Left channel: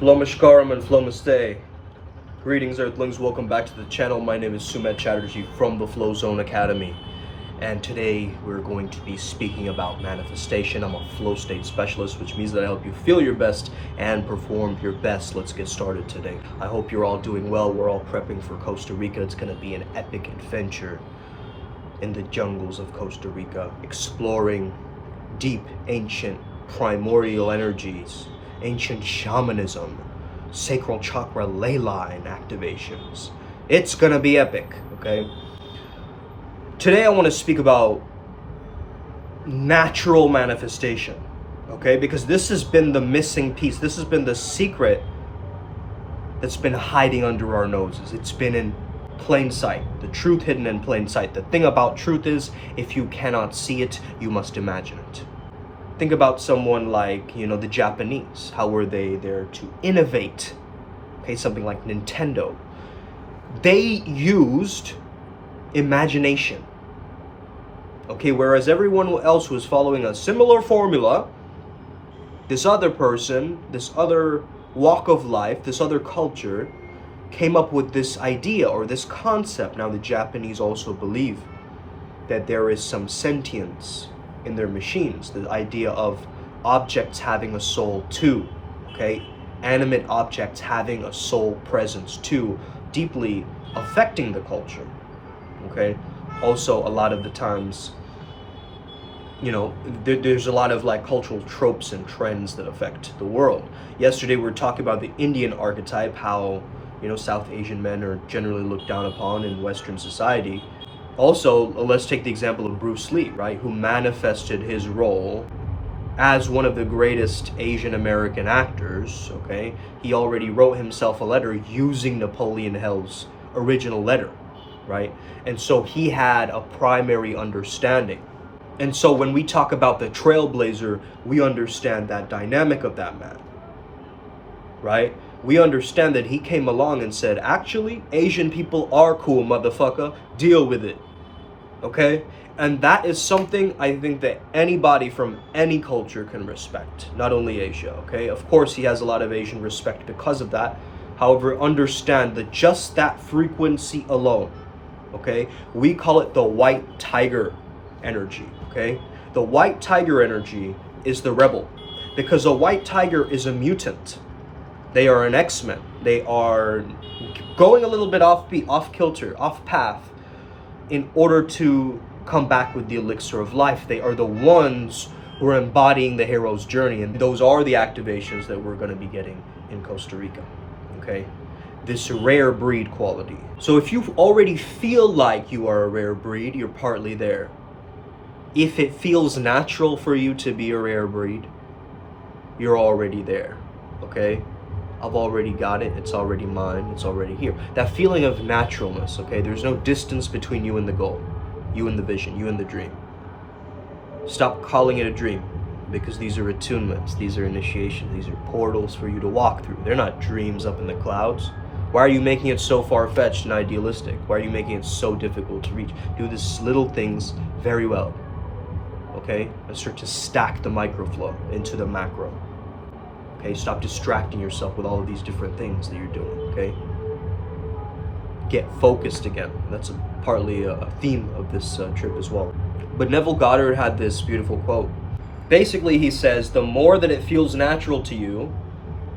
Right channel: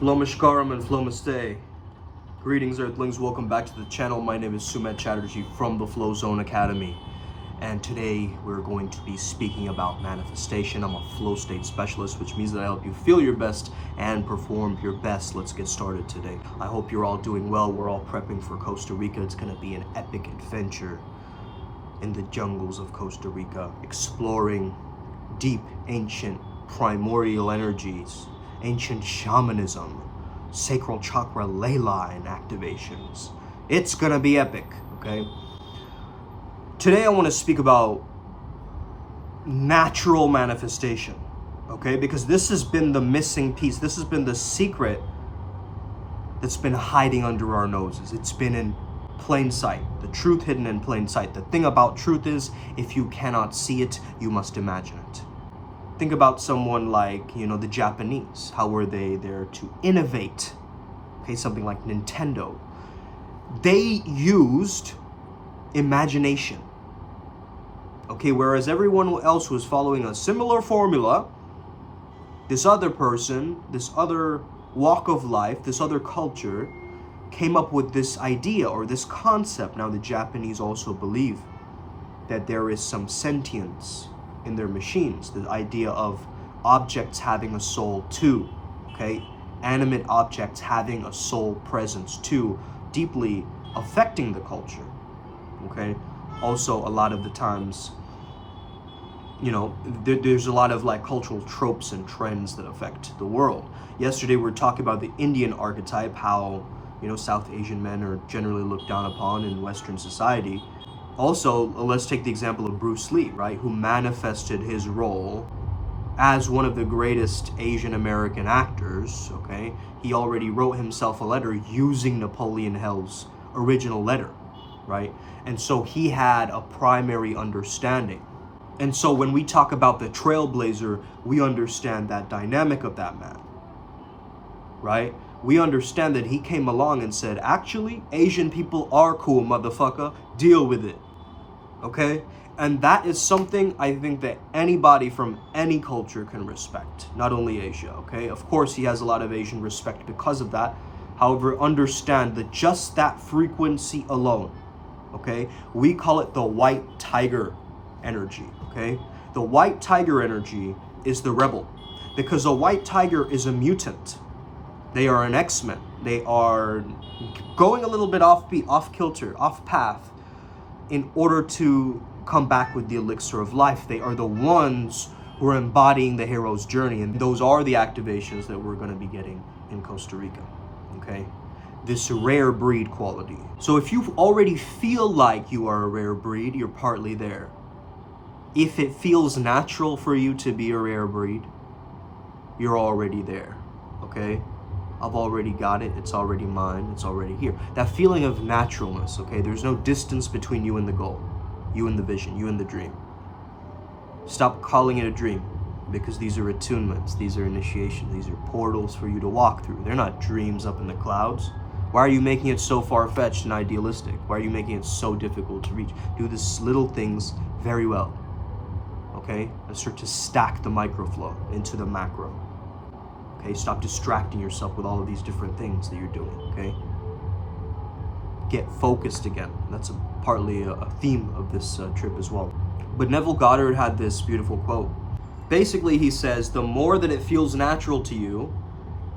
Flomashkaram and Flomaste. Greetings, Earthlings. Welcome back to the channel. My name is Sumet Chatterjee from the Flow Zone Academy. And today we're going to be speaking about manifestation. I'm a flow state specialist, which means that I help you feel your best and perform your best. Let's get started today. I hope you're all doing well. We're all prepping for Costa Rica. It's going to be an epic adventure in the jungles of Costa Rica, exploring deep, ancient, primordial energies, ancient shamanism, sacral chakra ley line activations. It's gonna be epic, okay? Today I want to speak about natural manifestation, okay? Because this has been the missing piece. This has been the secret that's been hiding under our noses. It's been in plain sight. The truth hidden in plain sight. The thing about truth is, if you cannot see it, you must imagine it. Think about someone like, the Japanese. How were they there to innovate? Okay, something like Nintendo. They used imagination. Okay, whereas everyone else was following a similar formula, this other person, this other walk of life, this other culture came up with this idea or this concept. Now the Japanese also believe that there is some sentience in their machines, the idea of objects having a soul too, okay? Animate objects having a soul presence too, deeply affecting the culture, okay? Also, a lot of the times, there's a lot of like cultural tropes and trends that affect the world. Yesterday we were talking about the Indian archetype, how, South Asian men are generally looked down upon in Western society. Also, let's take the example of Bruce Lee, right, who manifested his role as one of the greatest Asian American actors, okay? He already wrote himself a letter using Napoleon Hill's original letter, right? And so he had a primary understanding. And so when we talk about the trailblazer, we understand that dynamic of that man, right? We understand that he came along and said, actually, Asian people are cool, motherfucker. Deal with it. Okay? And that is something I think that anybody from any culture can respect, not only Asia, okay? Of course, he has a lot of Asian respect because of that. However, understand that just that frequency alone, okay? We call it the white tiger energy, okay? The white tiger energy is the rebel, because a white tiger is a mutant. They are an X-Men. They are going a little bit off kilter, off path, in order to come back with the elixir of life. They are the ones who are embodying the hero's journey, and those are the activations that we're going to be getting in Costa Rica, okay? This rare breed quality. So if you already feel like you are a rare breed, you're partly there. If it feels natural for you to be a rare breed, you're already there, okay? I've already got it, it's already mine, it's already here. That feeling of naturalness, okay? There's no distance between you and the goal, you and the vision, you and the dream. Stop calling it a dream, because these are attunements, these are initiations, these are portals for you to walk through. They're not dreams up in the clouds. Why are you making it so far-fetched and idealistic? Why are you making it so difficult to reach? Do these little things very well, okay? And start to stack the microflow into the macro. Okay, stop distracting yourself with all of these different things that you're doing, okay? Get focused again. That's partly a theme of this trip as well. But Neville Goddard had this beautiful quote. Basically, he says, the more that it feels natural to you,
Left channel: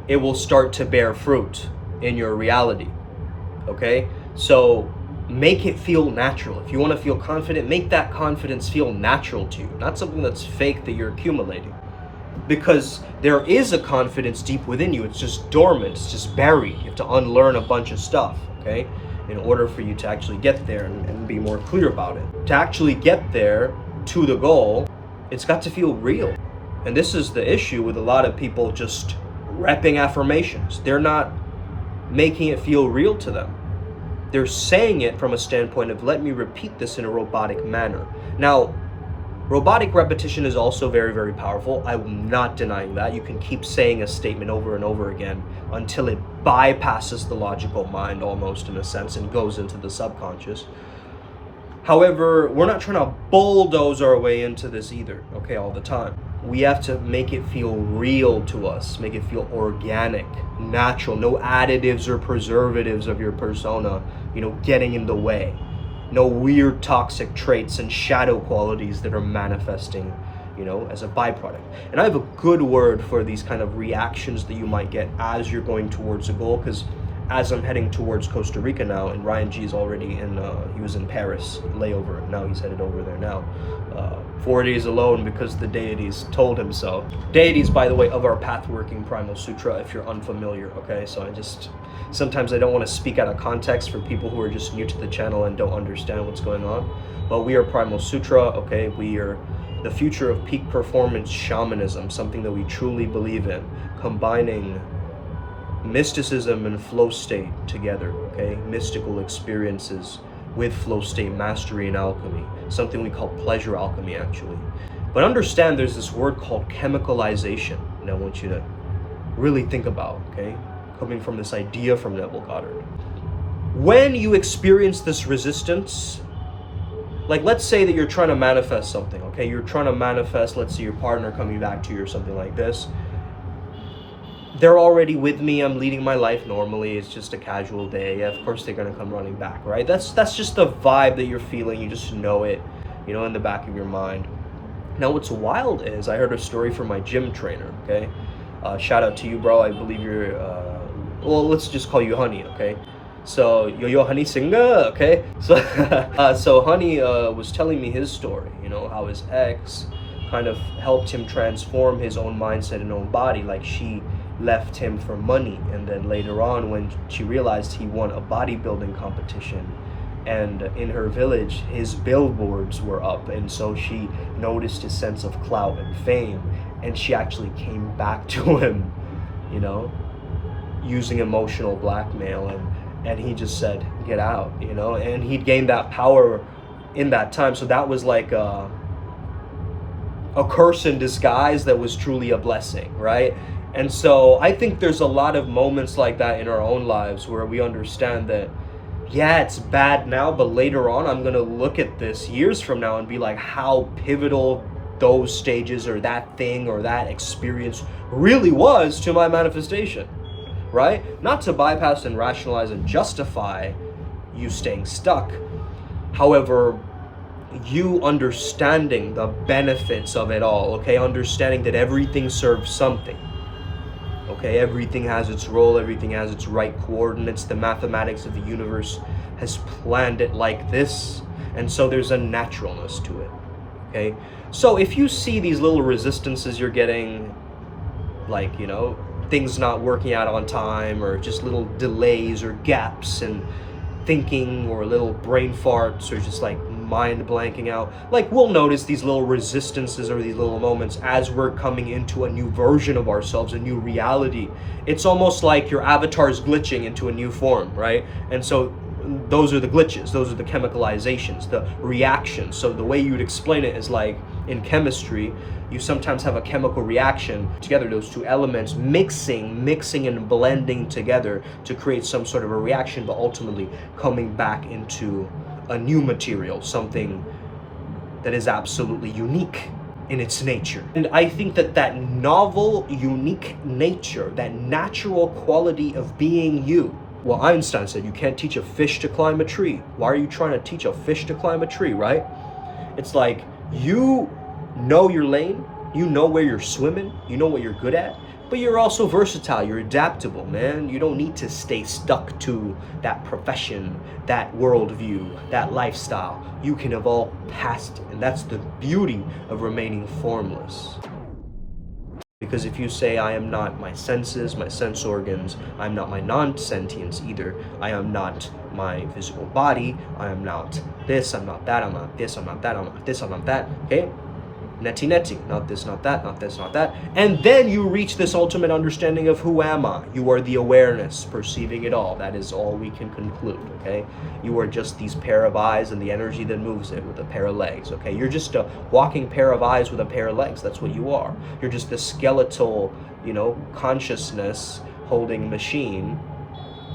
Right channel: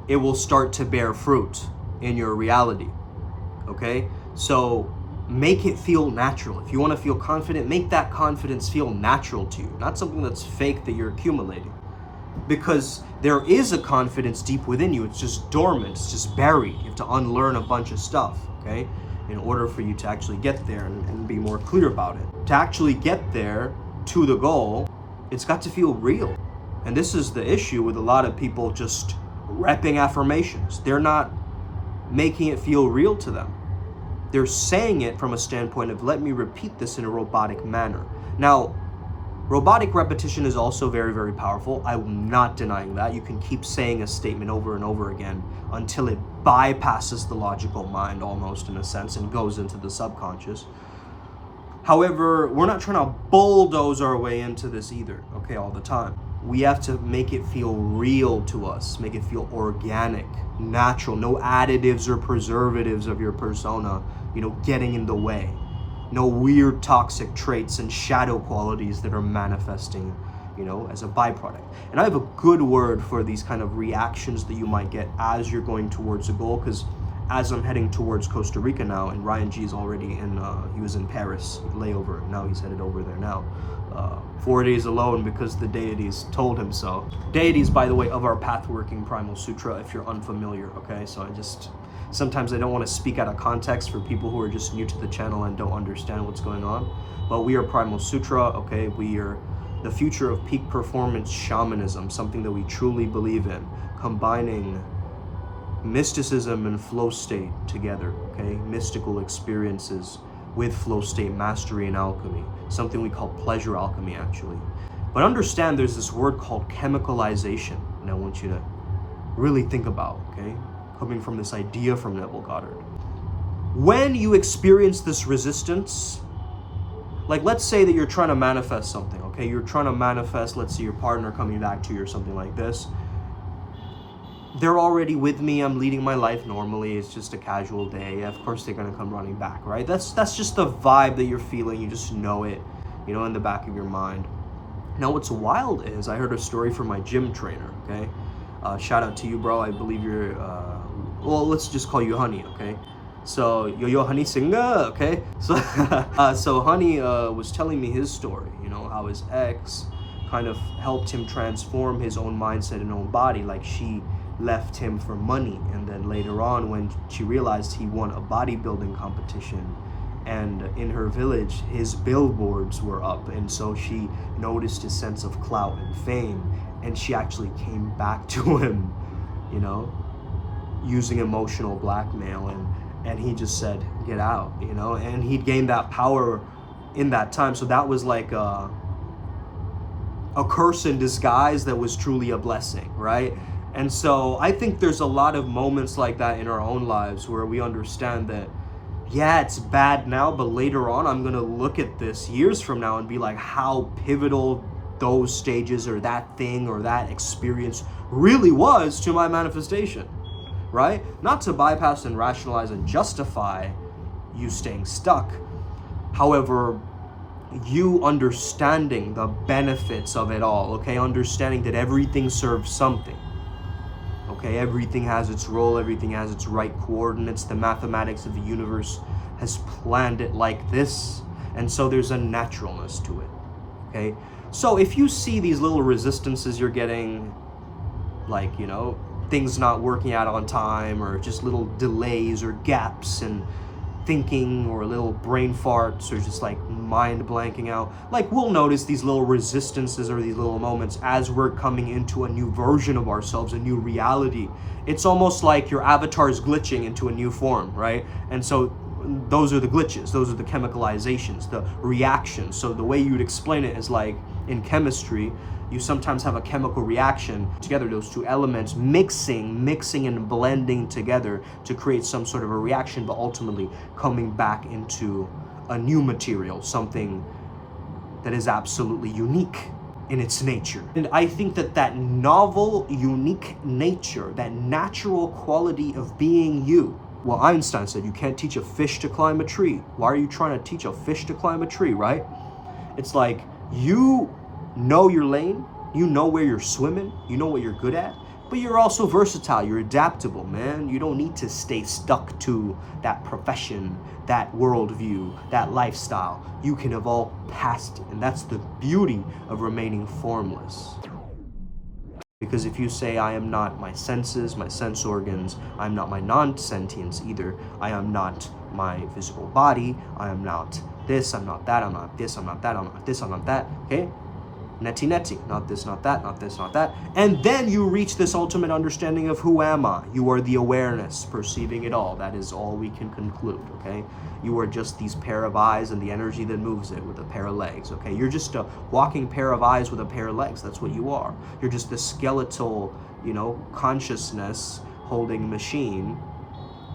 it will start to bear fruit in your reality, okay? So make it feel natural. If you want to feel confident, make that confidence feel natural to you, not something that's fake that you're accumulating. Because there is a confidence deep within you. It's just dormant, it's just buried. You have to unlearn a bunch of stuff, okay? In order for you to actually get there and be more clear about it. To actually get there to the goal, it's got to feel real. And this is the issue with a lot of people just repping affirmations. They're not making it feel real to them. They're saying it from a standpoint of, let me repeat this in a robotic manner. Now, robotic repetition is also very, very powerful. I'm not denying that. You can keep saying a statement over and over again until it bypasses the logical mind almost, in a sense, and goes into the subconscious. However, we're not trying to bulldoze our way into this either, okay, all the time. we have to make it feel real to us, make it feel organic, natural, no additives or preservatives of your persona, getting in the way. No weird toxic traits and shadow qualities that are manifesting, as a byproduct. And I have a good word for these kind of reactions that you might get as you're going towards a goal, because as I'm heading towards Costa Rica now, and Ryan G is already he was in Paris, layover, and now he's headed over there now. 4 days alone because the deities told him so. Deities, by the way, of our path-working Primal Sutra, if you're unfamiliar, okay? So sometimes I don't want to speak out of context for people who are just new to the channel and don't understand what's going on. But we are Primal Sutra, okay? We are the future of peak performance shamanism, something that we truly believe in, combining mysticism and flow state together, okay? Mystical experiences with flow state mastery and alchemy, something we call pleasure alchemy, actually. But understand there's this word called chemicalization, and I want you to really think about, okay? Coming from this idea from Neville Goddard. When you experience this resistance, like let's say that you're trying to manifest something, okay? You're trying to manifest, let's say your partner coming back to you or something like this. They're already with me, I'm leading my life normally, it's just a casual day. Yeah, of course they're gonna come running back, right? That's just the vibe that you're feeling, you just know it, in the back of your mind. Now what's wild is, I heard a story from my gym trainer, okay? Shout out to you, bro, I believe you're, well, let's just call you Honey, okay? So, yo, Honey Singa, okay? So Honey was telling me his story, how his ex kind of helped him transform his own mindset and own body, like she left him for money, and then later on when she realized he won a bodybuilding competition, and in her village his billboards were up, and so she noticed his sense of clout and fame, and she actually came back to him, using emotional blackmail, and he just said, get out, and he'd gained that power in that time. So that was like a curse in disguise that was truly a blessing, right? And so I think there's a lot of moments like that in our own lives where we understand that, yeah, it's bad now, but later on I'm gonna look at this years from now and be like, how pivotal those stages or that thing or that experience really was to my manifestation, right? Not to bypass and rationalize and justify you staying stuck. However, you understanding the benefits of it all, okay? Understanding that everything serves something. Okay, everything has its role, everything has its right coordinates. The mathematics of the universe has planned it like this, and so there's a naturalness to it, okay? So if you see these little resistances you're getting, like, things not working out on time, or just little delays or gaps in thinking, or little brain farts, or just like mind blanking out, like we'll notice these little resistances or these little moments as we're coming into a new version of ourselves, a new reality. It's almost like your avatar is glitching into a new form, right? And so those are the glitches, those are the chemicalizations, the reactions. So the way you'd explain it is like in chemistry, you sometimes have a chemical reaction together, those two elements mixing and blending together to create some sort of a reaction, but ultimately coming back into a new material, something that is absolutely unique in its nature. And I think that novel, unique nature, that natural quality of being you. Well, Einstein said you can't teach a fish to climb a tree. Why are you trying to teach a fish to climb a tree, right? It's like you know your lane, you know where you're swimming, you know what you're good at, but you're also versatile, you're adaptable, man. You don't need to stay stuck to that profession, that worldview, that lifestyle. You can evolve past it, and that's the beauty of remaining formless. Because if you say, I am not my senses, my sense organs, I'm not my non-sentience either, I am not my physical body, I am not this, I'm not that, I'm not this, I'm not that, I'm not this, I'm not that, okay? Neti, not this, not that, not this, not that. And then you reach this ultimate understanding of who am I? You are the awareness, perceiving it all. That is all we can conclude, okay? You are just these pair of eyes and the energy that moves it with a pair of legs, okay? You're just a walking pair of eyes with a pair of legs. That's what you are. You're just the skeletal, consciousness holding machine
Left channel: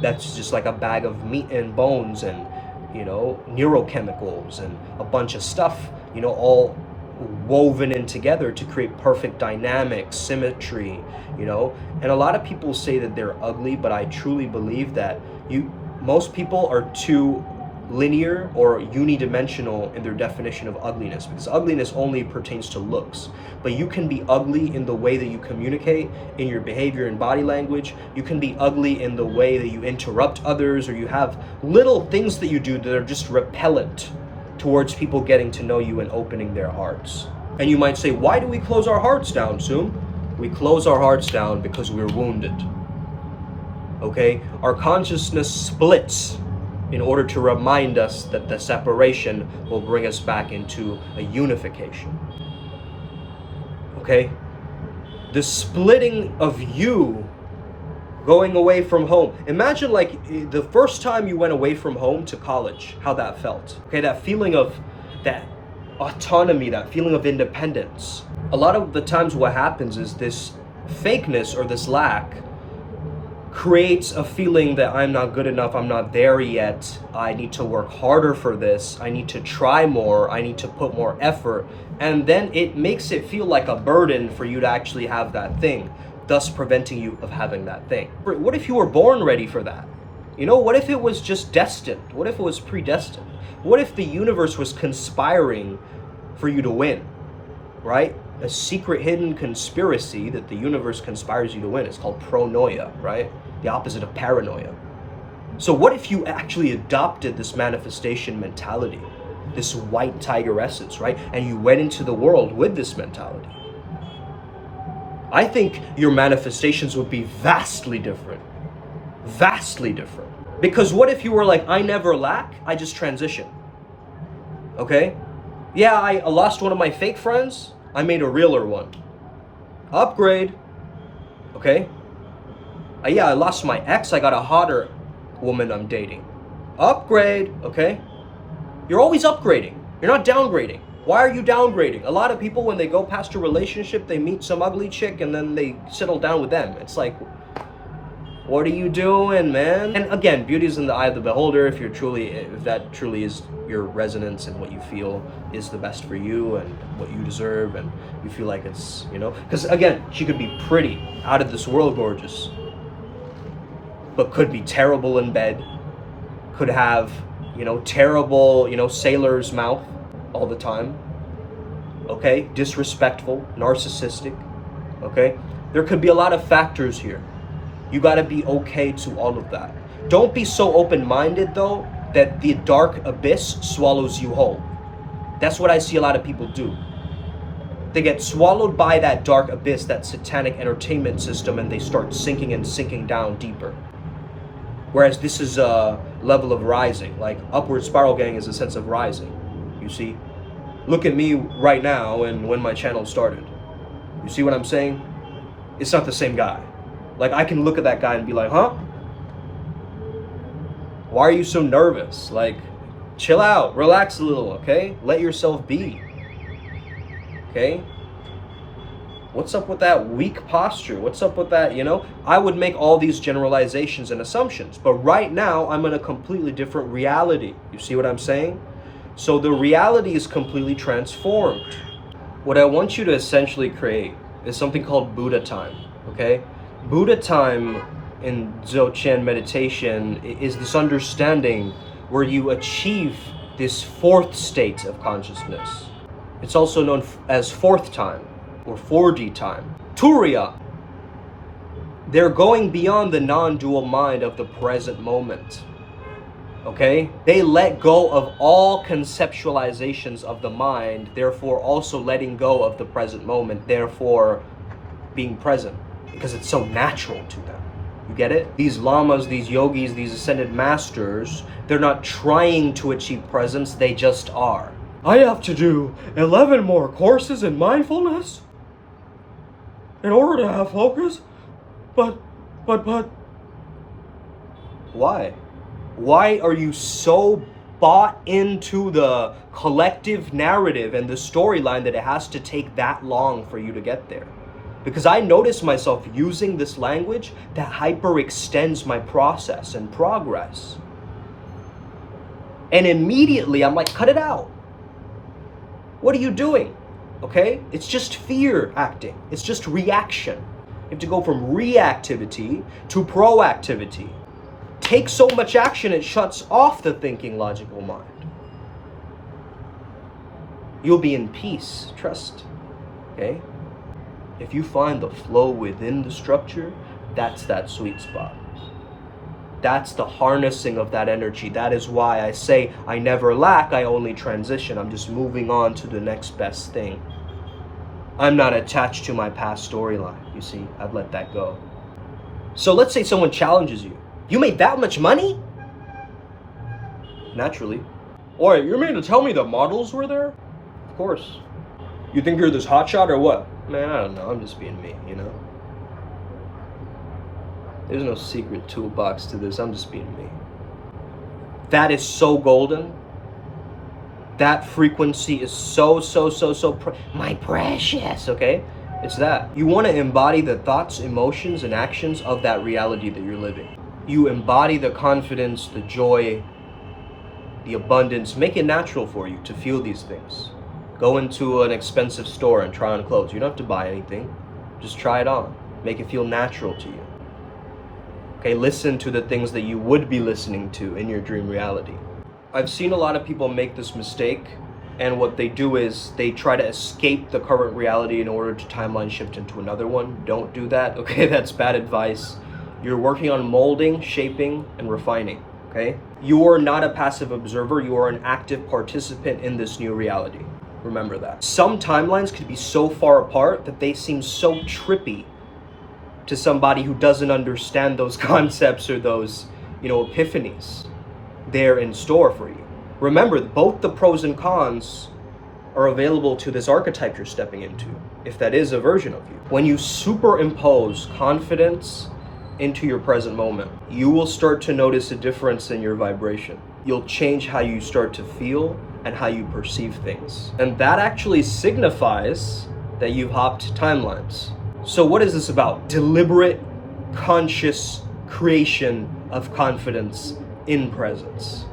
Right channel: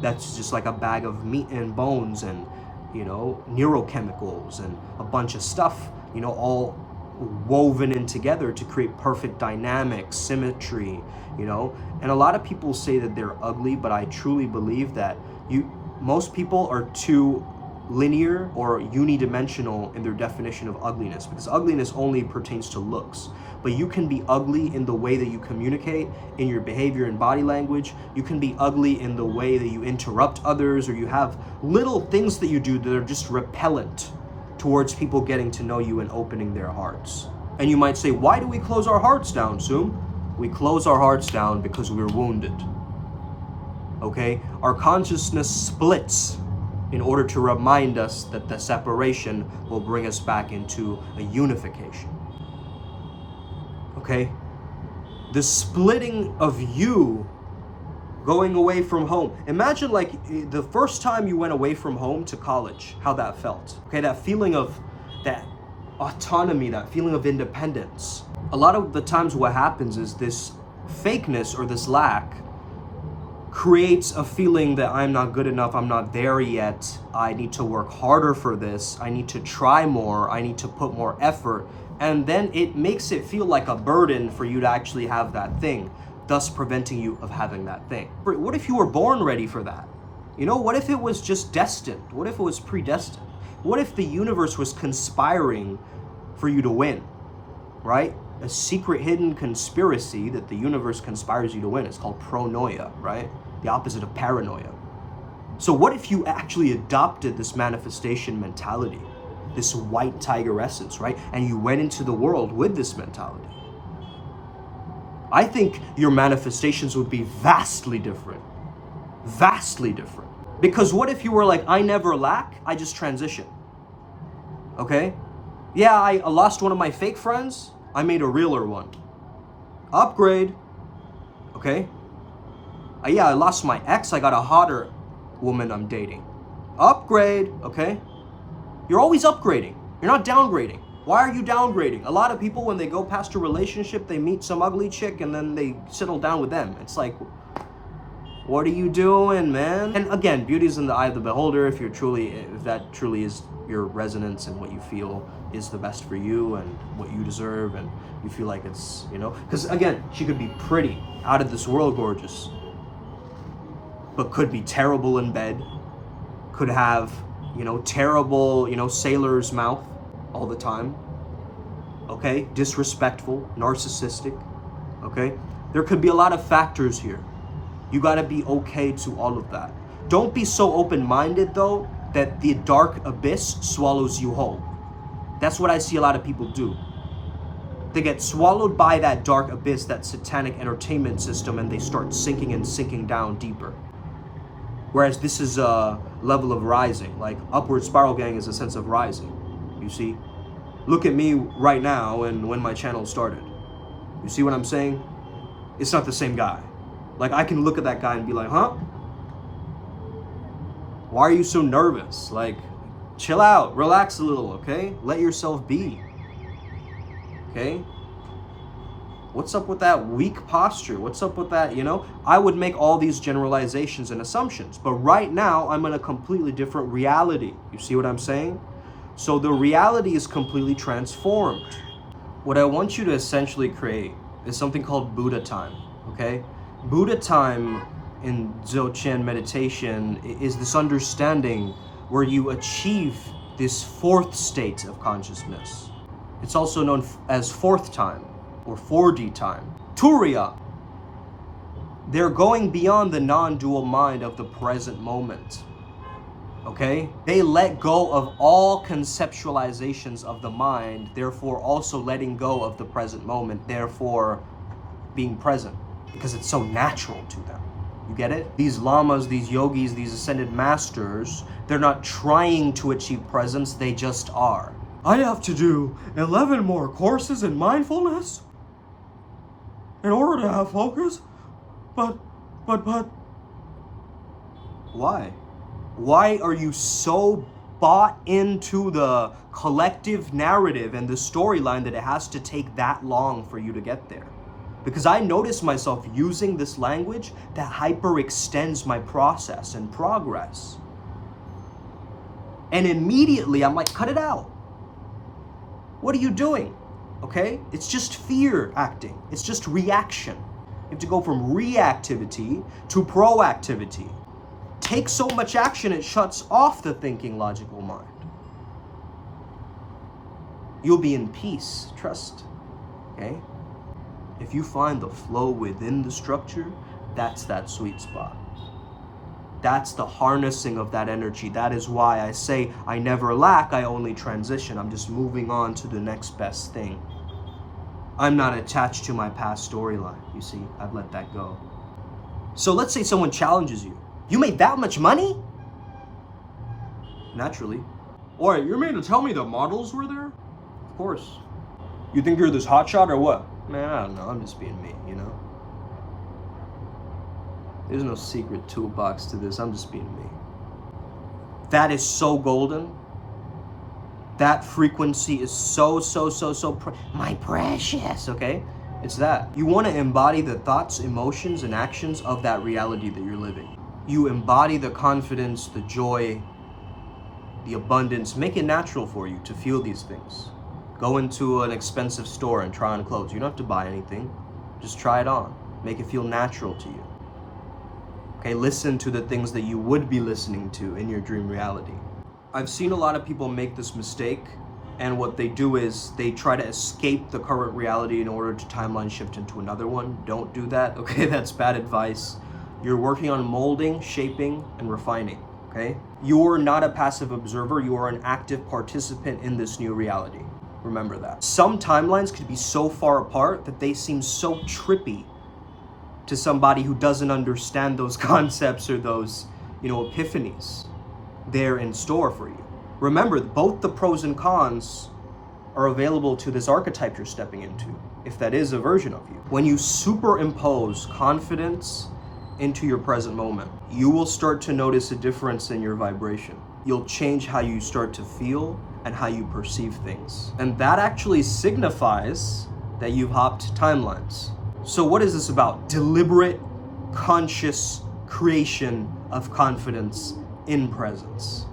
that's just like a bag of meat and bones and, neurochemicals and a bunch of stuff, all woven in together to create perfect dynamics, symmetry, you know? And a lot of people say that they're ugly, but I truly believe that most people are too linear or unidimensional in their definition of ugliness, because ugliness only pertains to looks. But you can be ugly in the way that you communicate, in your behavior and body language. You can be ugly in the way that you interrupt others, or you have little things that you do that are just repellent towards people getting to know you and opening their hearts. And you might say, why do we close our hearts down, Soom? We close our hearts down because we're wounded. Okay? Our consciousness splits in order to remind us that the separation will bring us back into a unification. Okay? The splitting of you going away from home. Imagine like the first time you went away from home to college, how that felt. Okay, that feeling of that autonomy, that feeling of independence. A lot of the times what happens is this fakeness or this lack creates a feeling that I'm not good enough, I'm not there yet, I need to work harder for this, I need to try more, I need to put more effort, and then it makes it feel like a burden for you to actually have that thing, thus preventing you of having that thing. What if you were born ready for that? You know, what if it was just destined? What if it was predestined? What if the universe was conspiring for you to win, right? A secret hidden conspiracy that the universe conspires you to win. It's called pronoia, right? The opposite of paranoia. So what if you actually adopted this manifestation mentality, this white tiger essence, right? And you went into the world with this mentality. I think your manifestations would be vastly different. Vastly different. Because what if you were like, I never lack, I just transition. Okay? Yeah, I lost one of my fake friends, I made a realer one. Upgrade. Okay? Yeah, I lost my ex, I got a hotter woman I'm dating. Upgrade. Okay? You're always upgrading. You're not downgrading. Why are you downgrading? A lot of people, when they go past a relationship, they meet some ugly chick and then they settle down with them. It's like, what are you doing, man? And again, beauty is in the eye of the beholder. If that truly is your resonance and what you feel is the best for you and what you deserve, and you feel like it's, you know, because again, she could be pretty, out of this world gorgeous, but could be terrible in bed, could have, you know, terrible, you know, sailor's mouth all the time, okay, disrespectful, narcissistic, okay? There could be a lot of factors here. You gotta be okay to all of that. Don't be so open-minded though that the dark abyss swallows you whole. That's what I see a lot of people do. They get swallowed by that dark abyss, that satanic entertainment system, and they start sinking and sinking down deeper. Whereas this is a level of rising, like upward spiral gang is a sense of rising, you see? Look at me right now and when my channel started. You see what I'm saying? It's not the same guy. Like, I can look at that guy and be like, huh? Why are you so nervous? Like, chill out, relax a little, okay? Let yourself be, okay? What's up with that weak posture? What's up with that, you know? I would make all these generalizations and assumptions, but right now I'm in a completely different reality. You see what I'm saying? So the reality is completely transformed. What I want you to essentially create is something called Buddha time, okay? Buddha time in Dzogchen meditation is this understanding where you achieve this fourth state of consciousness. It's also known as fourth time or 4D time. Turiya. They're going beyond the non-dual mind of the present moment. Okay? They let go of all conceptualizations of the mind, therefore also letting go of the present moment, therefore being present, because it's so natural to them. You get it? These lamas, these yogis, these ascended masters, they're not trying to achieve presence, they just are. I have to do 11 more courses in mindfulness in order to have focus, but. Why? Why are you so bought into the collective narrative and the storyline that it has to take that long for you to get there? Because I notice myself using this language that hyperextends my process and progress. And immediately I'm like, cut it out. What are you doing? okay? It's just fear acting. It's just reaction. You have to go from reactivity to proactivity. Take so much action, it shuts off the thinking, logical mind. You'll be in peace, trust, okay? If you find the flow within the structure, that's that sweet spot. That's the harnessing of that energy. That is why I say I never lack, I only transition. I'm just moving on to the next best thing. I'm not attached to my past storyline, you see, I've let that go. So let's say someone challenges you. You made that much money? Naturally. Or you mean to tell me the models were there? Of course. You think you're this hotshot or what? Man, I don't know, I'm just being me, you know? There's no secret toolbox to this, I'm just being me. That is so golden. That frequency is so my precious, okay? It's that. You want to embody the thoughts, emotions, and actions of that reality that you're living. You embody the confidence, the joy, the abundance. Make it natural for you to feel these things. Go into an expensive store and try on clothes. You don't have to buy anything. Just try it on. Make it feel natural to you. Okay, listen to the things that you would be listening to in your dream reality. I've seen a lot of people make this mistake, and what they do is they try to escape the current reality in order to timeline shift into another one. Don't do that, okay? That's bad advice. You're working on molding, shaping, and refining, okay? You are not a passive observer, you are an active participant in this new reality. Remember that. Some timelines could be so far apart that they seem so trippy to somebody who doesn't understand those concepts or those, epiphanies there in store for you. Remember, both the pros and cons are available to this archetype you're stepping into, if that is a version of you. When you superimpose confidence into your present moment, you will start to notice a difference in your vibration. You'll change how you start to feel and how you perceive things. And that actually signifies that you've hopped timelines. So what is this about? Deliberate, conscious creation of confidence in presence.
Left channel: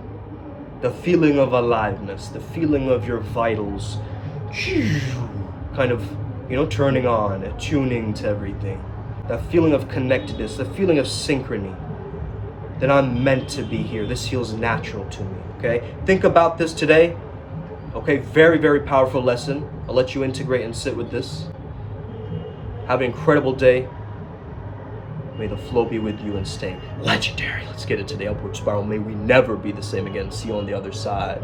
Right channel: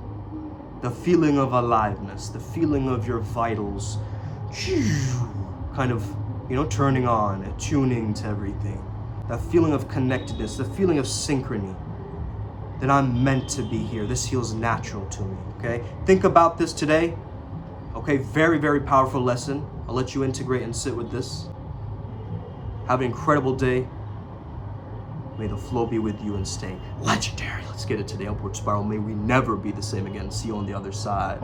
The feeling of aliveness, the feeling of your vitals kind of, turning on, attuning to everything. That feeling of connectedness, the feeling of synchrony. That I'm meant to be here. This feels natural to me, okay? Think about this today. Okay, very, very powerful lesson. I'll let you integrate and sit with this. Have an incredible day. May the flow be with you and stay legendary. Let's get it to the upward spiral. May we never be the same again. See you on the other side.